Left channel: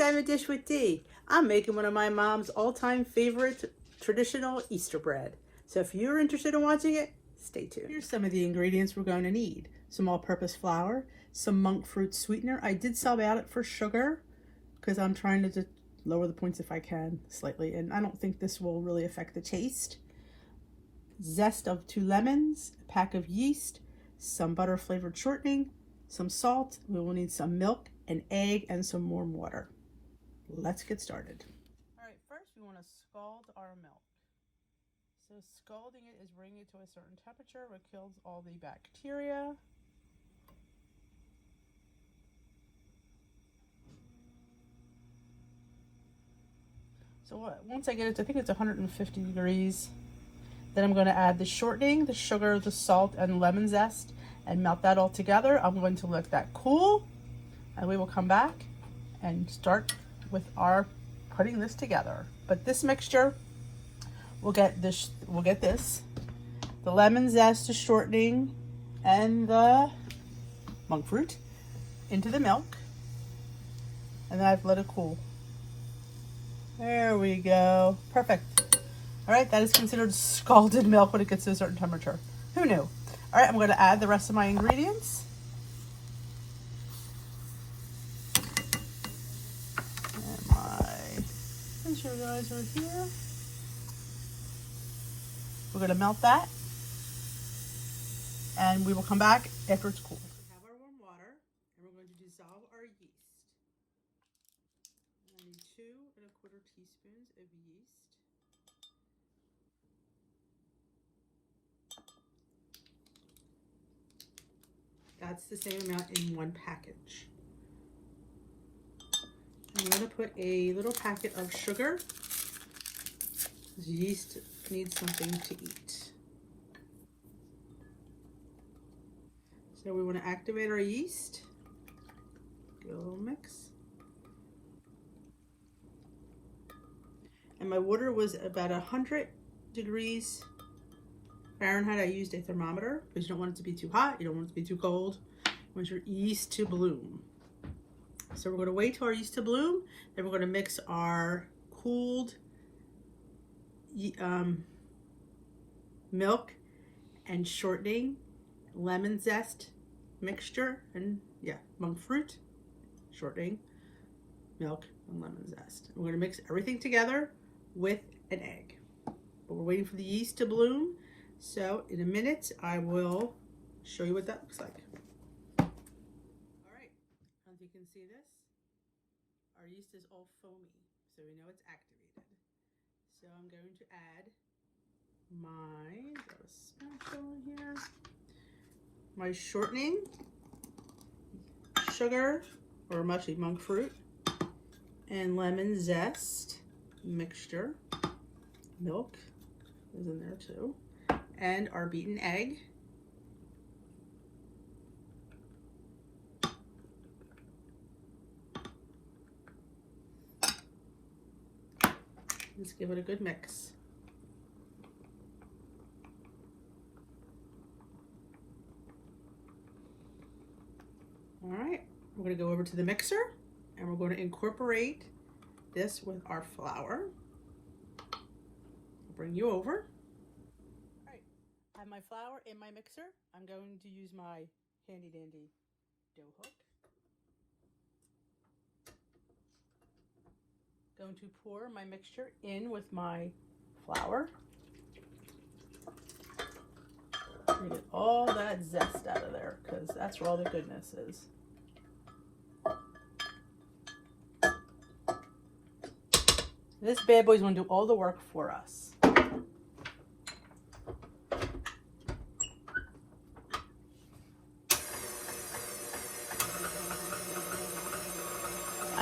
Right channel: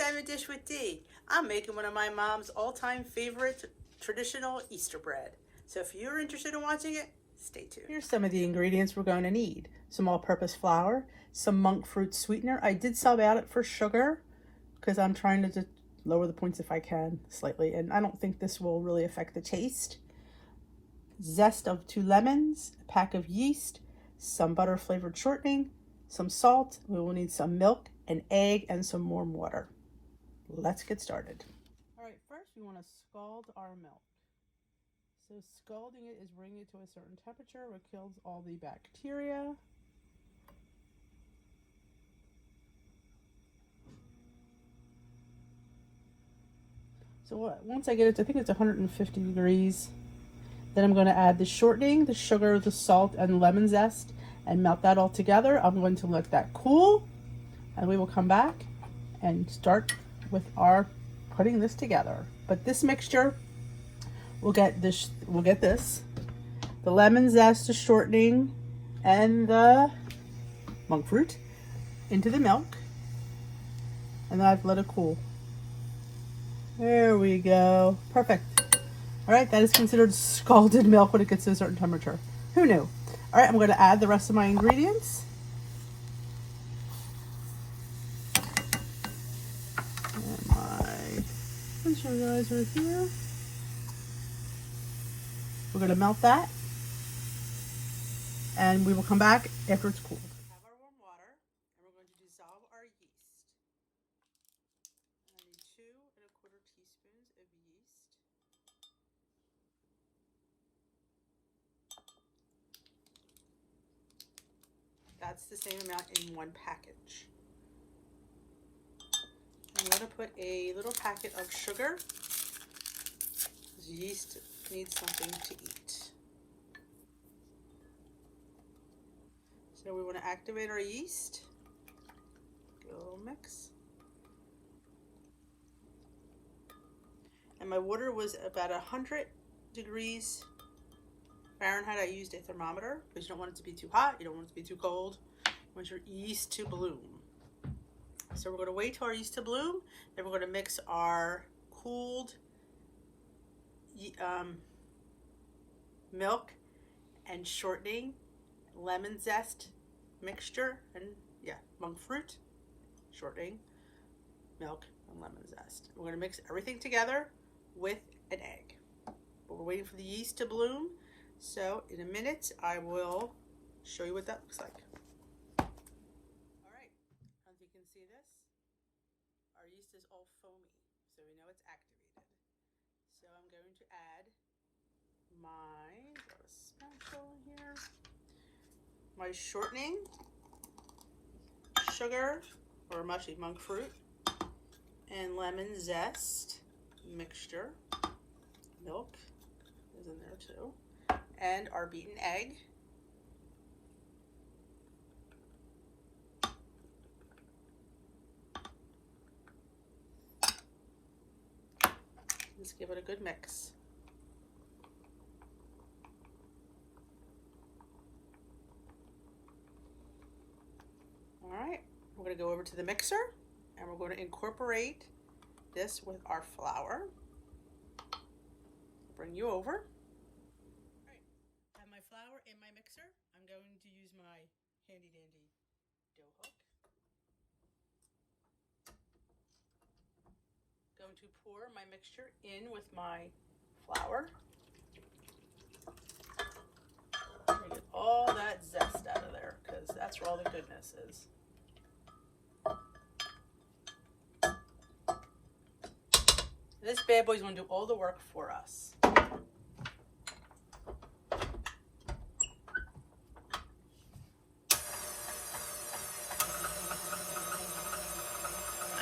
time a dish with Dee. I'm making one of my mom's all-time favorite traditional Easter bread. So if you're interested in watching it, stay tuned. Here's some of the ingredients we're going to need. Some all-purpose flour, some monk fruit sweetener. I did sub out it for sugar because I'm trying to just lower the points if I can slightly, and I don't think this will really affect the taste. Zest of 2 lemons, a pack of yeast, some butter flavored shortening, some salt. We will need some milk, an egg, and some warm water. Let's get started. All right, first we want to scald our milk. So scalding it is bringing it to a certain temperature where it kills all the bacteria. So once I get it, I think it's 150 degrees. Then I'm going to add the shortening, the sugar, the salt, and lemon zest and melt that all together. I'm going to let that cool, and we will come back and start with our putting this together. But this mixture, we'll get this, the lemon zest, the shortening, and the monk fruit into the milk, and then I've let it cool. There we go. Perfect. All right, that is considered scalded milk when it gets to a certain temperature. Who knew? All right, I'm going to add the rest of my ingredients. And my visualizer here. We're going to melt that, and we will come back after it's cooled. We have our warm water, and we're going to dissolve our yeast. And I need 2 1/4 teaspoons of yeast. That's the same amount in 1 package. I'm going to put a little packet of sugar. Yeast needs something to eat. So we want to activate our yeast. Give it a little mix. And my water was about 100 degrees Fahrenheit. I used a thermometer because you don't want it to be too hot, you don't want it to be too cold. You want your yeast to bloom. So we're going to wait till our yeast to bloom, then we're going to mix our cooled milk and shortening, lemon zest mixture, and monk fruit, shortening, milk, and lemon zest. We're going to mix everything together with an egg. But we're waiting for the yeast to bloom. So in a minute, I will show you what that looks like. All right, as you can see this, our yeast is all foamy, so we know it's activated. So I'm going to add my spatula here, my shortening, sugar, or actually monk fruit, and lemon zest mixture. Milk is in there too. And our beaten egg. Let's give it a good mix. All right, we're going to go over to the mixer, and we're going to incorporate this with our flour. I'll bring you over. My flour in my mixer. I'm going to use my handy dandy dough hook. Going to pour my mixture in with my flour. Get all that zest out of there because that's where all the goodness is. This bad boy's going to do all the work for us.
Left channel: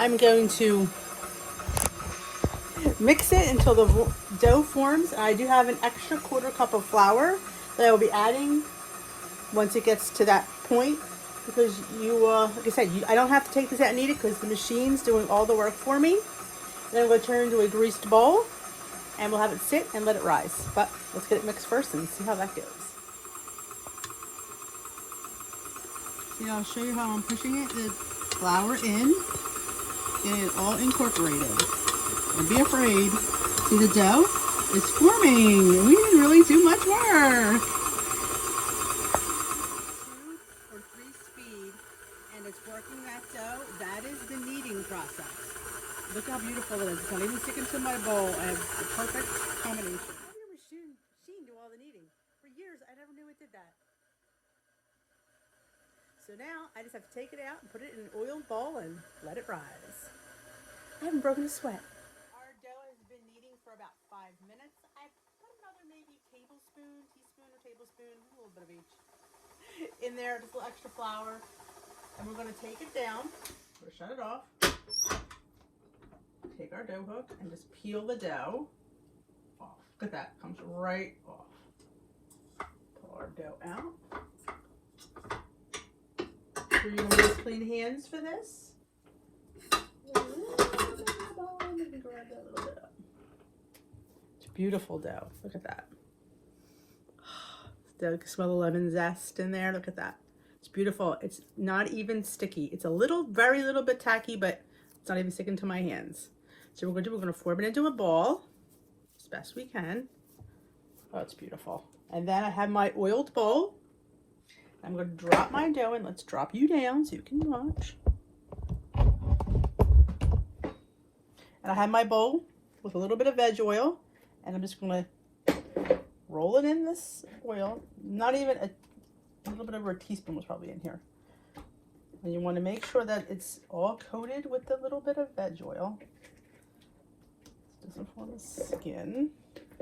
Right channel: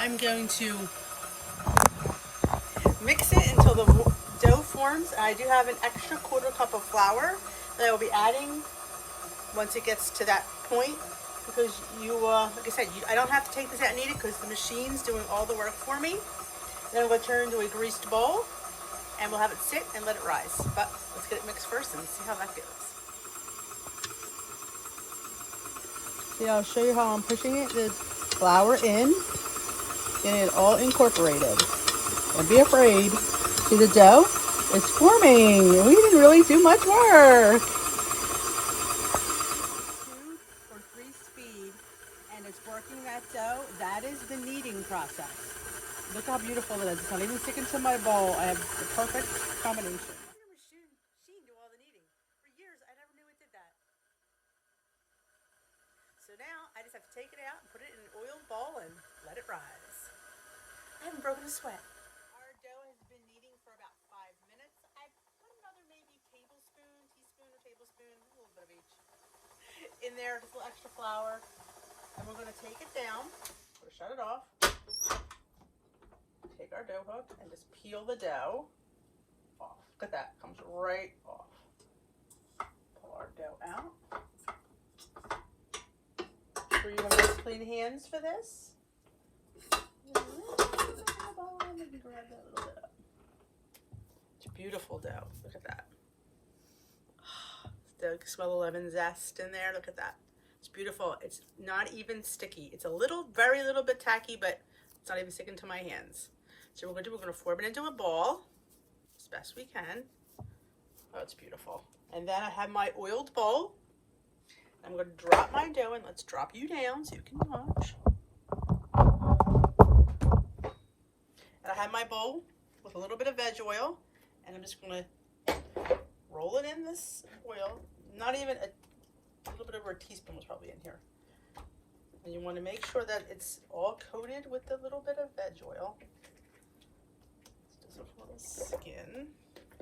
I'm going to mix it until the dough forms. I do have an extra 1/4 cup of flour that I will be adding once it gets to that point, because like I said, I don't have to take this out and eat it because the machine's doing all the work for me. Then I'm going to turn it into a greased bowl, and we'll have it sit and let it rise. But let's get it mixed first and see how that goes. Yeah, I'll show you how I'm pushing it. The flour in. Getting it all incorporated. Don't be afraid. See the dough? It's forming. We didn't really do much work. 2 or 3 speed, and it's working that dough. That is the kneading process. Look how beautiful it is. It's not even sticking to my bowl. I have the perfect combination. Your machine do all the kneading. For years, I never knew it did that. So now, I just have to take it out and put it in an oiled bowl and let it rise. I haven't broken a sweat. Our dough has been kneading for about 5 minutes. I put another maybe teaspoon or tablespoon, a little bit of each, in there, just a little extra flour. And we're going to take it down. We're going to shut it off. Take our dough hook and just peel the dough off. Look at that, comes right off. Pull our dough out. Sure you have nice clean hands for this. Let me grab that a little bit up. It's beautiful dough. Look at that. You can smell the lemon zest in there. Look at that. It's beautiful. It's not even sticky. It's a little, very little bit tacky, but it's not even sticking to my hands. So we're going to form it into a ball as best we can. Oh, it's beautiful. And then I have my oiled bowl. I'm going to drop my dough in. Let's drop you down so you can watch. And I have my bowl with a little bit of veg oil, and I'm just going to roll it in this oil. Not even a little bit over a teaspoon was probably in here. And you want to make sure that it's all coated with a little bit of veg oil. This doesn't form a skin.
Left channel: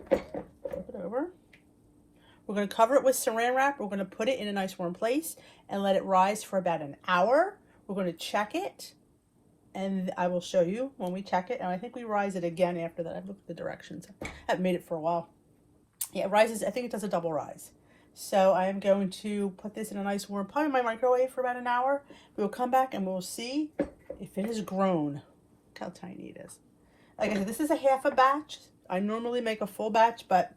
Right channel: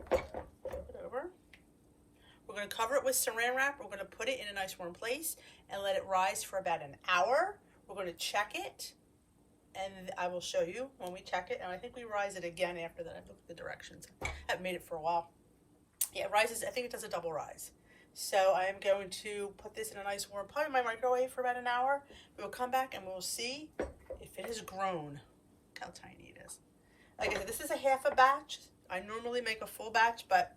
Flip it over. We're going to cover it with saran wrap. We're going to put it in a nice warm place and let it rise for about an hour. We're going to check it, and I will show you when we check it. And I think we rise it again after that. I've looked at the directions. I haven't made it for a while. Yeah, it rises. I think it does a double rise. So I am going to put this in a nice warm, probably in my microwave for about an hour. We will come back and we'll see if it has grown. Look how tiny it is. Like I said, this is a half a batch. I normally make a full batch, but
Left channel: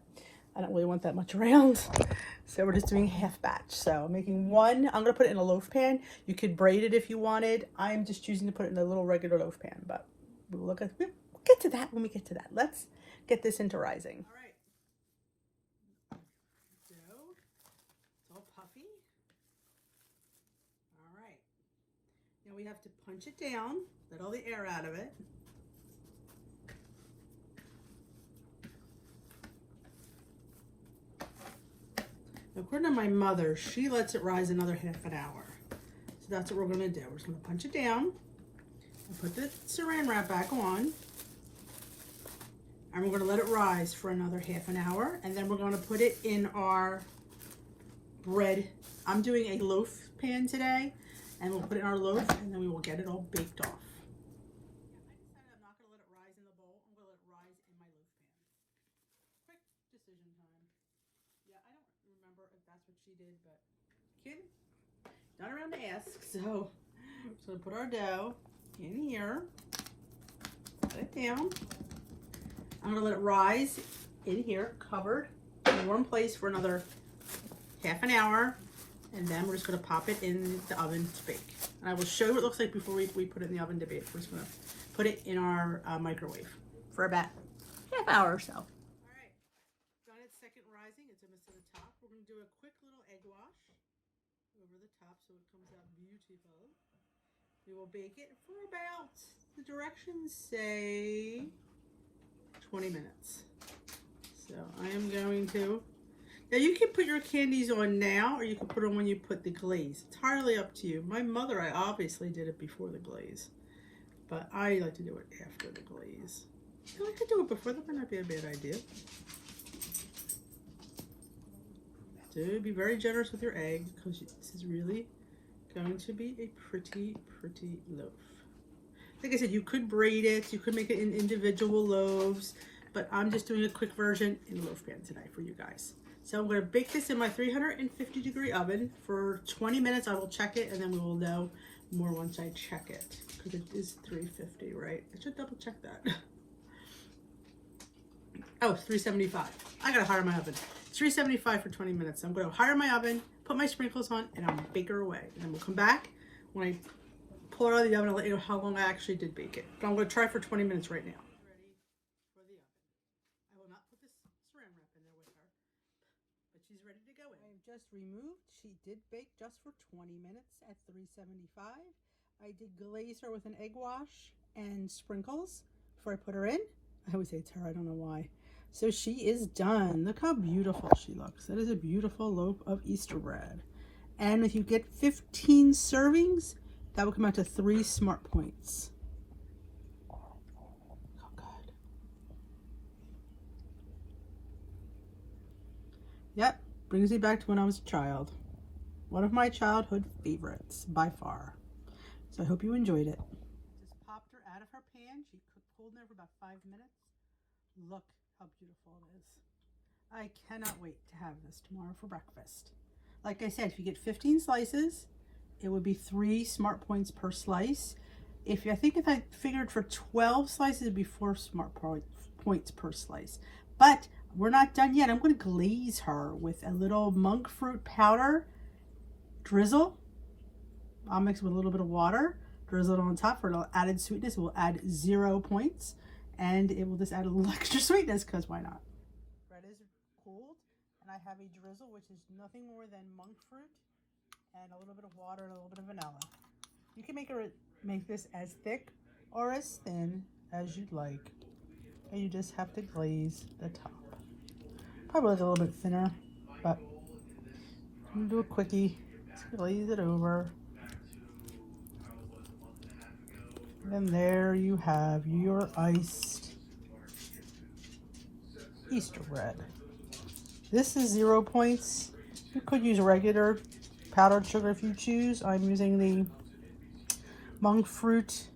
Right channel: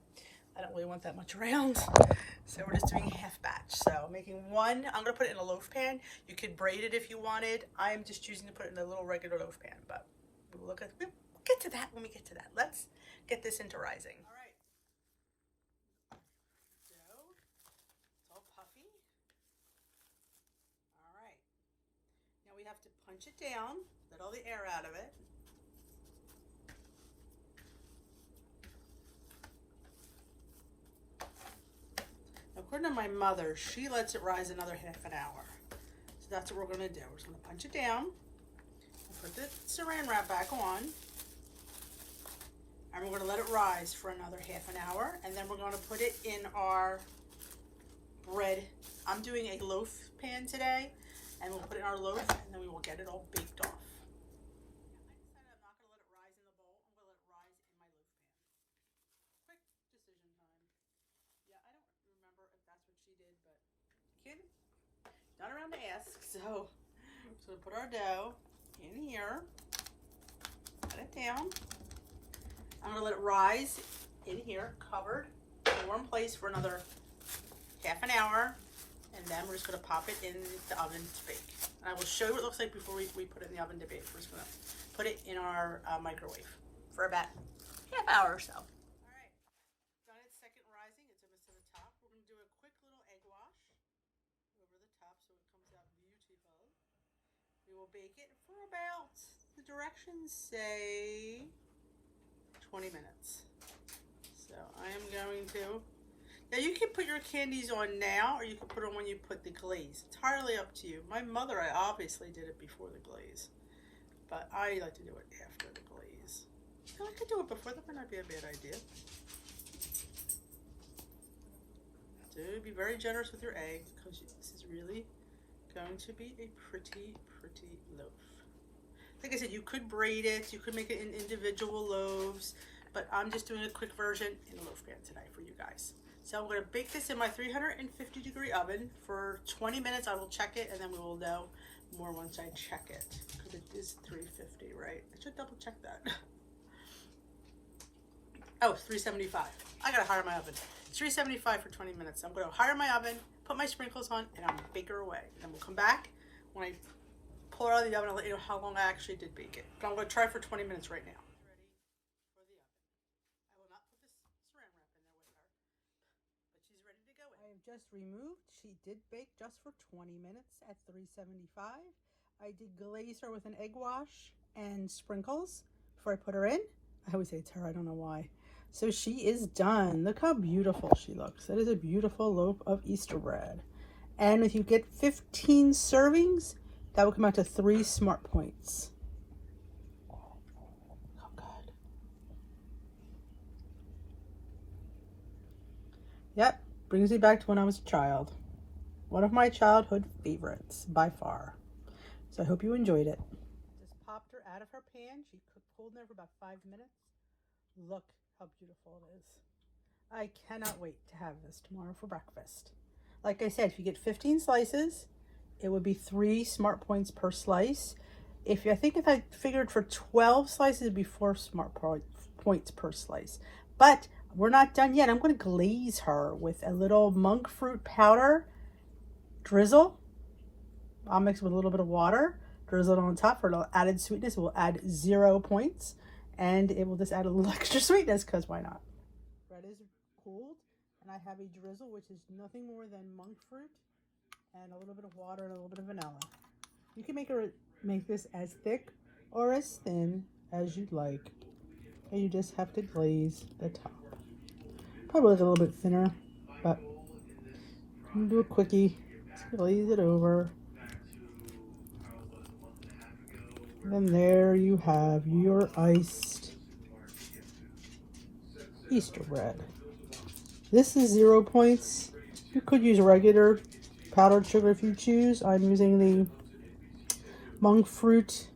I don't really want that much around. So we're just doing half batch. So I'm making one. I'm going to put it in a loaf pan. You could braid it if you wanted. I'm just choosing to put it in a little regular loaf pan, but we'll get to that when we get to that. Let's get this into rising. All right. Dough. It's all puffy. All right. Now we have to punch it down, let all the air out of it. According to my mother, she lets it rise another half an hour. So that's what we're going to do. We're just going to punch it down. I'll put the saran wrap back on. And we're going to let it rise for another half an hour. And then we're going to put it in our bread. I'm doing a loaf pan today. And we'll put it in our loaf, and then we will get it all baked off. I decided I'm not going to let it rise in the bowl. I'm going to let it rise in my loaf pan. Quick decision time. Yeah, I don't remember if that's what she did, but kid, not around to ask. So we'll put our dough in here, put it down. I'm gonna let it rise in here, covered, in a warm place for another half an hour, and then we're just gonna pop it in the oven to bake. And I will show you what it looks like before we put it in the oven to bake. We're just gonna put it in our microwave for about half hour or so. To the top, we're going to do a quick little egg wash over the top so it comes out beautiful. We will bake it for about, the directions say 20 minutes. So I am going to, now you can put your candies on now, or you can put them when you put the glaze. It's entirely up to you. My mother, I obviously did it before the glaze, but I like to do it after the glaze. I could do it before, that might not be a bad idea. So be very generous with your egg, because this is really going to be a pretty loaf. Like I said, you could braid it, you could make it in individual loaves, but I'm just doing a quick version in a loaf pan today for you guys. So I'm going to bake this in my 350-degree oven for 20 minutes. I will check it, and then we will know more once I check it, because it is 350, right? I should double check that. Oh, it's 375. I gotta hire my oven. It's 375 for 20 minutes. So I'm gonna hire my oven, put my sprinkles on, and I'll bake her away. And then we'll come back when I pull it out of the oven and let you know how long I actually did bake it. But I'm going to try for 20 minutes right now. Ready for the oven. I will not put this saran wrap in there with her, but she's ready to go in. I have just removed. She did bake just for 20 minutes at 375. I did glaze her with an egg wash and sprinkles before I put her in. I always say it's her, I don't know why. So she is done. Look how beautiful she looks. That is a beautiful loaf of Easter bread. And if you get 15 servings, that will come out to 3 smart points. Oh, good. Yep, brings me back to when I was a child. One of my childhood favorites, by far. So I hope you enjoyed it. Just popped her out of her pan. She pulled in there for about 5 minutes. Look how beautiful it is. I cannot wait to have this tomorrow for breakfast. Like I said, if you get 15 slices, it would be 3 smart points per slice. I think if I figured for 12 slices, it'd be 4 smart points per slice. But we're not done yet. I'm going to glaze her with a little monk fruit powder drizzle. I'll mix it with a little bit of water, drizzle it on top for a little added sweetness. It will add 0 points, and it will just add a little extra sweetness, because why not? Bread is cooled, and I have a drizzle, which is nothing more than monk fruit and a little bit of water and a little bit of vanilla. You can make this as thick or as thin as you'd like, and you just have to glaze the top. Probably a little bit thinner, but I'm gonna do a quickie. Just glaze it over. And there you have your iced Easter bread. This is 0 points. You could use regular powdered sugar if you choose. I'm using the monk fruit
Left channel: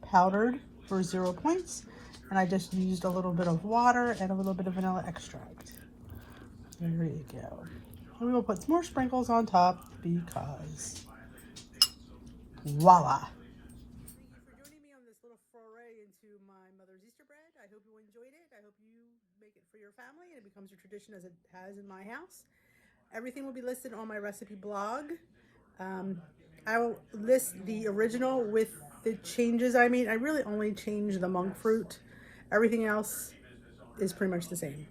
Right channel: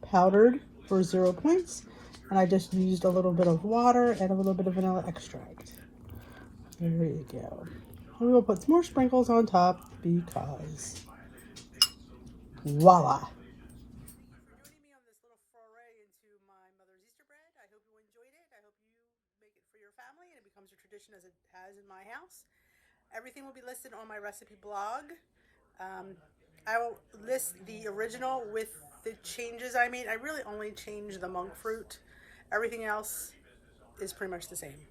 powdered for 0 points. And I just used a little bit of water and a little bit of vanilla extract. There you go. And we will put some more sprinkles on top because voila. I hope you enjoyed it. I hope you make it for your family and it becomes a tradition as it has in my house. Everything will be listed on my recipe blog. I will list the original with the changes I made. I really only changed the monk fruit. Everything else is pretty much the same,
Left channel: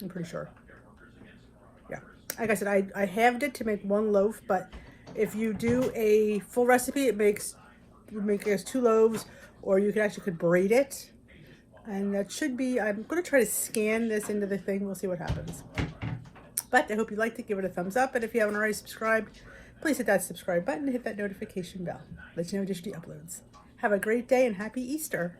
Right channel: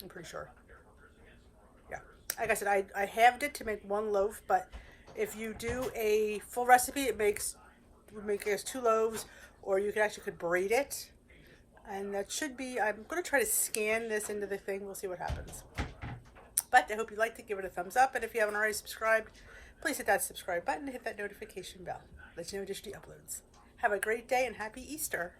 I'm pretty sure. Yeah, like I said, I halved it to make 1 loaf, but if you do a full recipe, it would make it as 2 loaves, or you could braid it. And that should be, I'm going to try to scan this into the thing. We'll see what happens. But I hope you liked it. Give it a thumbs up. And if you haven't already subscribed, please hit that subscribe button and hit that notification bell. Let you know just the uploads. Have a great day and happy Easter.